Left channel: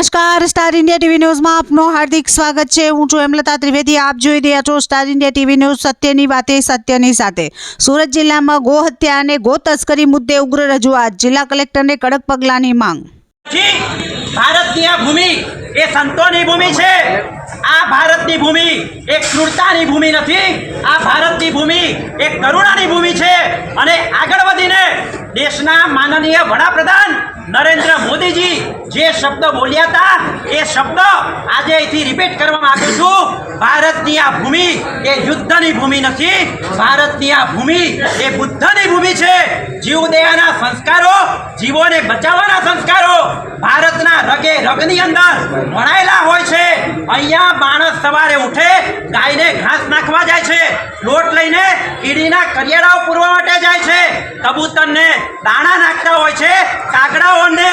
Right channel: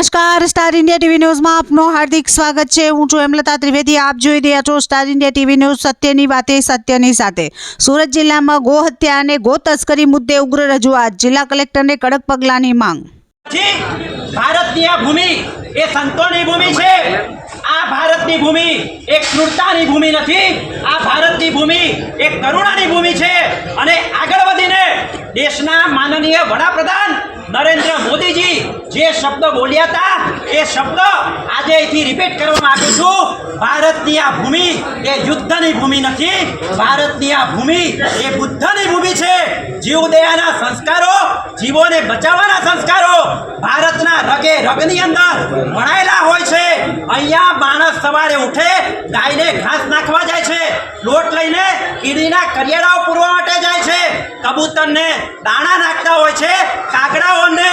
નમસ્કાર, star India TV ન્યૂઝમાં આપનું હાર્દિક સ્વાગત છે। હું છું હેમલતા ત્રિવેદી। આપ જોઈ રહ્યા છો સ્ટાર ઇન્ડિયા ટીવી ન્યૂઝ, સત્યની વાતે સત્યની સાથે। સુરત જિલ્લામાં ગો હત્યા અને ગો તસ્કરી મુદ્દે ઉગ્ર રજૂઆત, જિલ્લા કલેક્ટરને કડક પગલાંની માંગ। ભારતની આ ભૂમિ એ સંતોની ભૂમિ છે। આ ભારતની ભૂમિ એક ક્રૂરતાની ભૂમિ નથી। આ ભારતની ભૂમિ એક કરુણાની ભૂમિ છે। અને આગળ વધીને દેશના માનનીય વડાપ્રધાન નરેન્દ્ર મોદીજી જે શબ્દ બોલ્યા હતા એ શબ્દ આજે અહીંથી રિપીટ કરવા માંગુ છું। ભારતની આ ભૂમિ એ યુદ્ધની ભૂમિ નથી। ભારતની આ ભૂમિ એ બુદ્ધની ભૂમિ છે। જીવદયાના સંસ્કારો, જીવોને બચાવવાના સંસ્કારો ભારતના રગે રગની અંદર ભણાયેલા હોય છે। અહીંયા માણસ સવારે ઉઠે, ગાયને ઘાસ નાખવા જાય છે, લોટ લઈને કીડીના કરિયાળાઓ પૂરવા માટે જાય છે, કબૂતરને દાણા નાખતા હોય છે, કાગડાઓને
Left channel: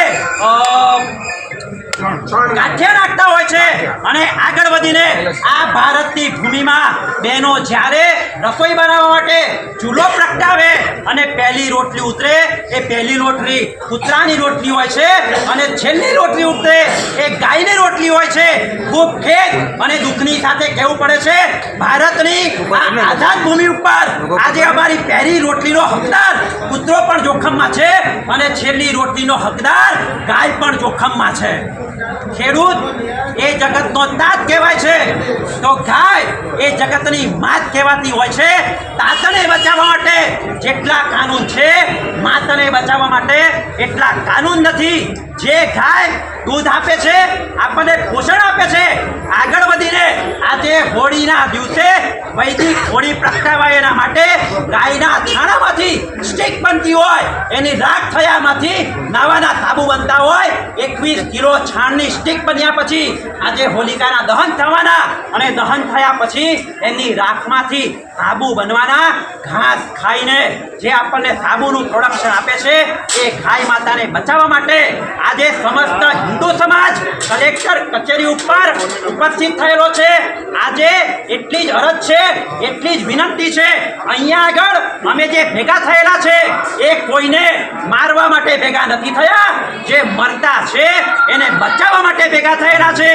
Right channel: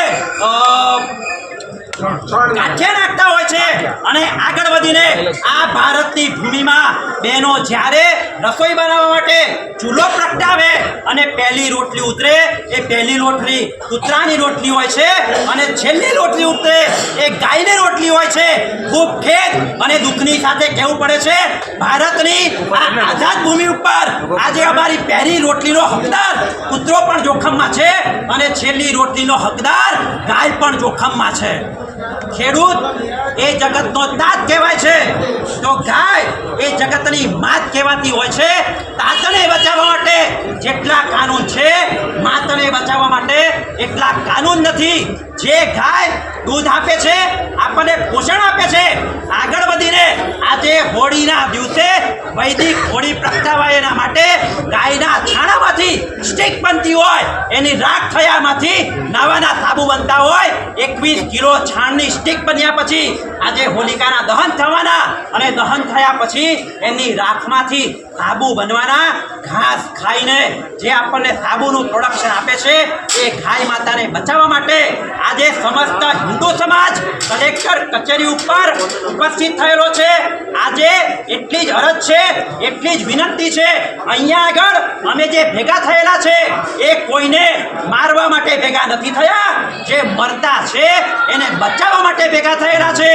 ગાંઠિયા નાખતા હોય છે। અને આગળ વધીને આ ભારતની ભૂમિમાં બહેનો જ્યારે રસોઈ બનાવવા માટે ચૂલો પ્રગટાવે અને પહેલી રોટલી ઉતરે એ પહેલી રોટલી કૂતરાની રોટલી હોય છે અને છેલ્લી રોટલી ઉતરે એ ગાયની રોટલી હોય છે। ખૂબ ખેદ અને દુઃખની સાથે કહેવું પડે છે, ભારતની આ આઝાદ ભૂમિ ઉપર આજે અમારી પહેલી રોટલીનો હકદાર કૂતરો પણ જોખમમાં છે અને છેલ્લી રોટલીનો હકદાર ગાય પણ જોખમમાં છે। ખેડૂત એ જગતનો તાત કહેવાય છે તો ગાય એ જગતની માત કહેવાતી હોય છે। તાતને બચાવવા માટે જેટલા કાનૂન છે, માતને બચાવવા માટે એટલા કાનૂન નથી। જે ગાય દૂધ આપે છે, આપણને પોષણ આપે છે, આગળ વધીને આજે હોળીના દિવસે વૈદિક હોળી પ્રગટાવાય એના માટે ગાયના છાણામાંથી સ્ટીક બનતી હોય, એની રાખ થયામાંથી નાવાના સાબુ બનતા હોય। 21 કિલો છાણની સ્ટીક બન્યા પછી આજે હોલિકાના દહન થવાના અને દહન થયા પછી એની રાખમાંથી સાબુ બનવાના। ઘાસ ખાઈને જે આપણને સાબુનું પ્રોડક્શન આપે છે એ ગાય માતાને બચાવવા માટે આજે સમસ્ત હિન્દુ સમાજ કલેક્ટર કચેરી ઉપર ઉપસ્થિત થયેલો છે। આજે એટલી જ અરજ છે, એટલી જ વિનંતી છે, અહીંયા આગળ અમે જે ભેગા થયેલા છે એ કોઈને મારવા માટે ભેગા નથી થયા, જે મરતા છે એને બચાવવા માટે ભેગા થયેલા છે।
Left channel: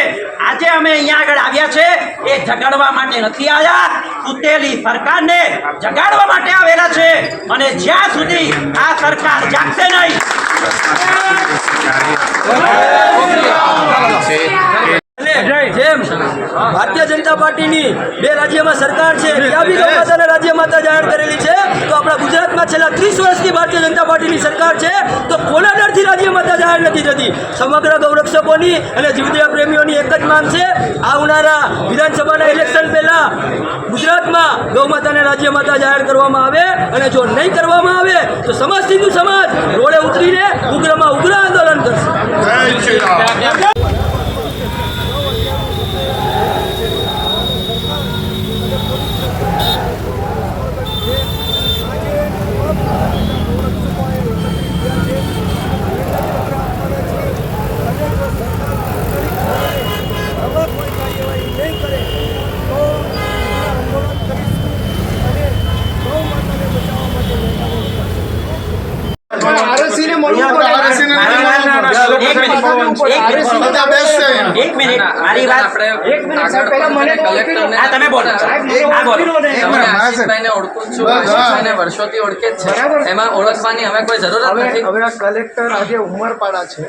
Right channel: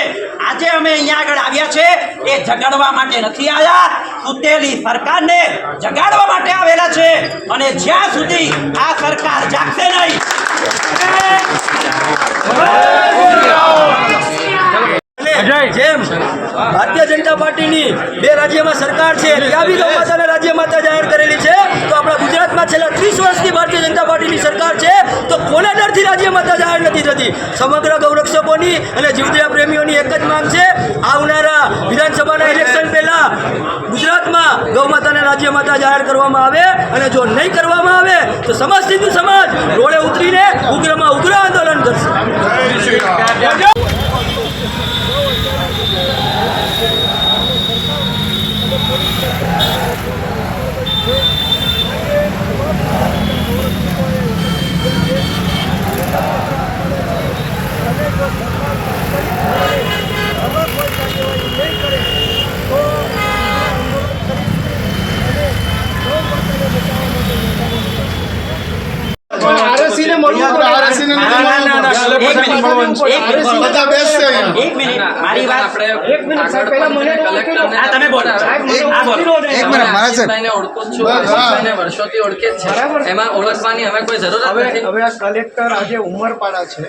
આજે અમે અહીંયા આગળ આવ્યા છે એ જગાડવા માટે નથી આવ્યા, સૂતેલી સરકારને જગાડવા માટે આવેલા છે। અને જ્યાં સુધી આ સરકાર જાગશે નહીં જેમ ભારતીય જનતા પાર્ટીની 2 રાજ્યમાં સરકાર છે, ત્યાં બી ગૌ માતાને રાજ્ય માતા જાહેર કરેલી છે, તો આપણા ગુજરાતમાં છેલ્લા 30 વર્ષથી ભારતીય જનતા પાર્ટીની સરકાર છે, તો કોના ડરથી રાજ્ય માતા જાહેર નથી થતી? સમગ્ર ગૌરક્ષકોની અને જીવદયા પ્રેમીઓની એક જ માંગ છે, આવનારા વિધાનસભાના ઇલેક્શન પહેલા ગુજરાતમાં ગૌ માતાને રાજ્ય માતા જાહેર કરવામાં આવે, અને જો નહીં કરવામાં આવે તો સમસ્ત હિન્દુ સમાજ રોડે ઉતરીને ઉગ્રમાં ઉગ્ર આંદોલન કરશે। એક મિનિટ, મારી વાત તમે બોલો। વર્ષોથી ઓળખે છે, એમાં ઓળખવાની હવે કોઈ જરૂર નથી। હવે આ કલેક્ટર આજે ઉમરપાડા છે,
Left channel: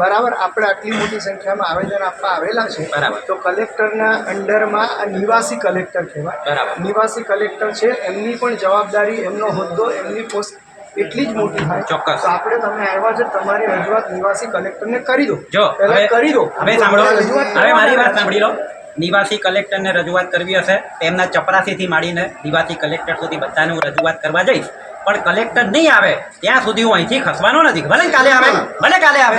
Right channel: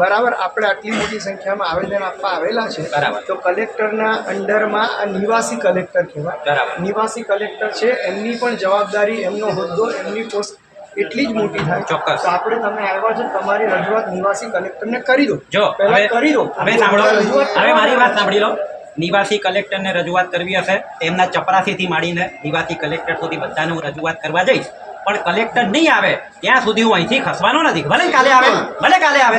બરાબર, આપણે આટલી મોટી સંખ્યામાં આવેદન આપવા આવેલા છે, તો કલેક્ટરના અંડરમાં આ નિવાસી કલેક્ટર કહેવાય। નિવાસી કલેક્ટર છે, એમની પણ જવાબદારી, એમનો હોદ્દો, એમની પોસ્ટ એટલી જ મોટી થાય। ચોક્કસ, તો આપણે તમે આવ્યા છે, તમારી રજૂઆત નિવાસી કલેક્ટરને કરી દો, પહેલા કરી દો। હવે સાંભળો, હવે મારી વાત સાંભળી લો। નિવાસી કલેક્ટરને રજૂઆત કરવી હશે તેમના ચપરાસીથી માંડીને નિવાસી કલેક્ટર સુધી બધાને હું રજૂઆત કરવા જઈશ, પણ કલેક્ટર નહીં આવે ત્યાં સુધી હું અહીંથી ખસવાનો નથી। ભલે કાલે આવે, ભલે કાલે આવે,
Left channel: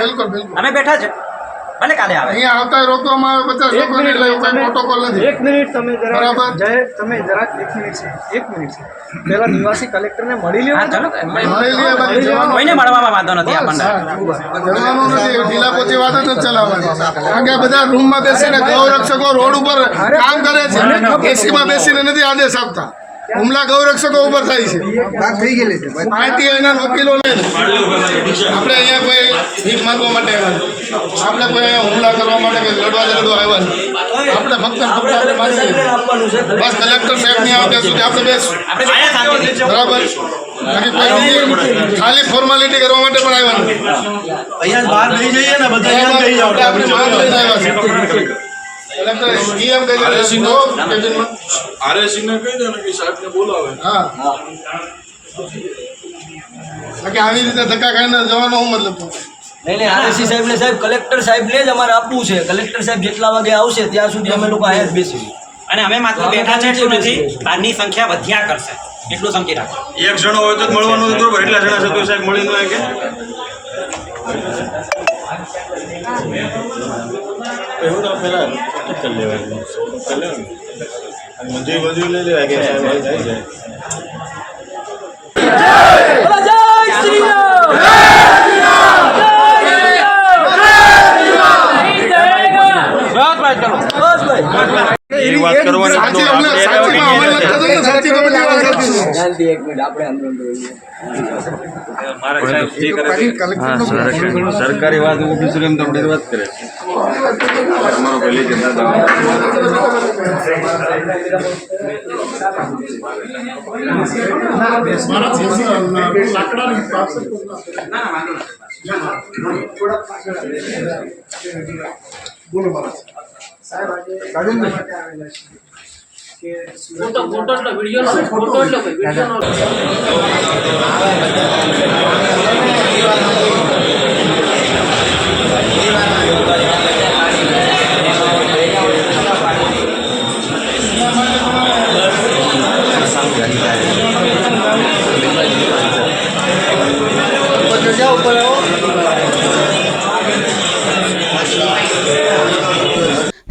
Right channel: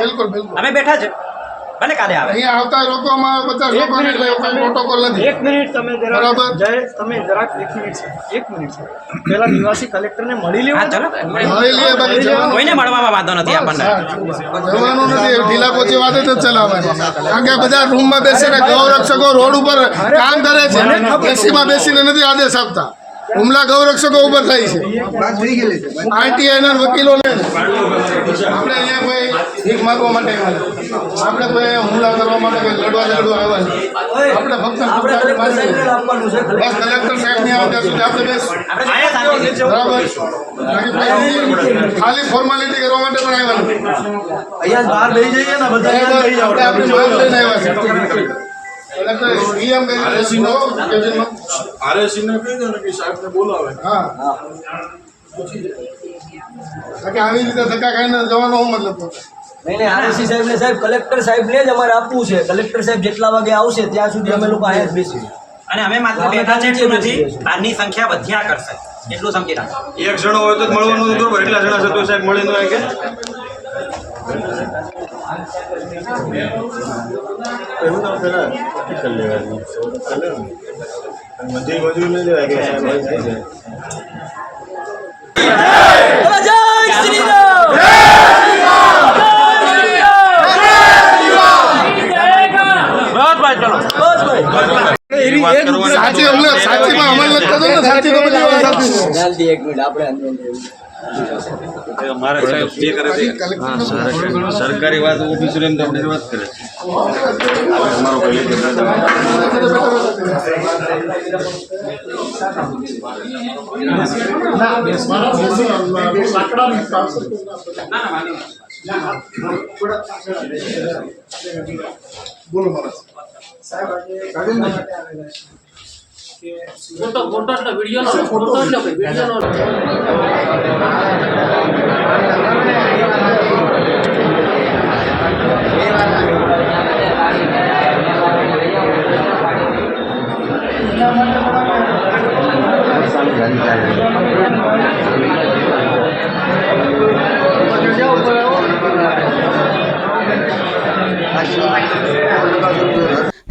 અમે બેઠા છે, ભલે કાલે આવે। અહીંયા આવતા રોકવામાં આવે 50 મિનિટ પ્રોટોકોલ નથી। 1 મિનિટ તમે જરા જય, તમે જરાક 1 મિનિટ છે, 1 મિનિટ છે, પહેલા નિવાસી કલેક્ટરને મળી લેવા દો, કોઈને મળવામાં વાંધો નથી આપણને। ઢીલા પોચી વાત જ ચલાવવાની, કારણ કે બધા રૂમમાં બેસીને ગૌરક્ષકો રોડ ઉપર કામ કરે છે, એસીમાં બેસીને નથી આદેશ આપતા। હુમલા ગૌરક્ષકો ઉપર થાય છે આરટીઆઈ ના વકીલો ને આપણે અહીંયા કોઈ ભીખ માંગવા માટે આવ્યા આપણે કોઈ અહીંયા હુમલા કરવા માટે કે લડવા ઝઘડવા આવ્યા આપણે ફક્ત બસ કલેક્ટર સાહેબ નહીં આવે ત્યાં સુધી આપણે બેસું બરાબર બાકી કોઈ બીજી ખાલી ફોર્માલિટી કરવા માટે પણ આવ્યા નથી અહીંયા બહાર લઈ જઈએ ને બધા આપણે આપણી માંગ લઈને આવ્યા છે કલેક્ટર એમ કહી દે આરએસી ને કહી દે ને કે સાહેબને બોલાવે. હા બાકી આવી રીતે ધક્કા ખાઈને જવાનો શું મતલબ નહીં આરએસી સાહેબ ને સાહેબ કલેક્ટર સાહેબને જ અમારે આપવું છે. કલેક્ટર સાહેબ જેટલા વાગે આવશે ત્યાં સુધી અમે લોકો અહીંયા જ બેસીએ. અને અમે માત્ર બેઠા છે એટલું નથી, બહારની સંખ્યા વધ્યા કરશે એટલું સમજી રાખો. એક જણો હોય તો જ મળવાનું નથી બરોબર, એટલા જણા છે તો સાહેબ મળી ન હોય કે એવું ના પેલા કરી લેવાય મજૂરી મજૂરી લઈ લેવાય કે સાહેબ આવી જાય જય શ્રી રામ. બસ ભાઈ સાચી સાચીમાં અમલ નથી થતો ને સાચી તો બધી વાત સાચી છે. જલ્દી એક મિનિટ આપણે અંદર મારા સાહેબ જે કરે સરકારી વાત ઓફિસર એમ તો બધી વાત કરે અમારો પહેલી કે બોલો મહારાજ સાહેબ આજે માટે આવેલા છે કે ફોટો એટલે video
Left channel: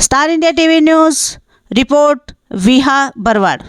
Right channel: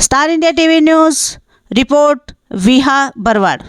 star India TV news report Viha Barvad.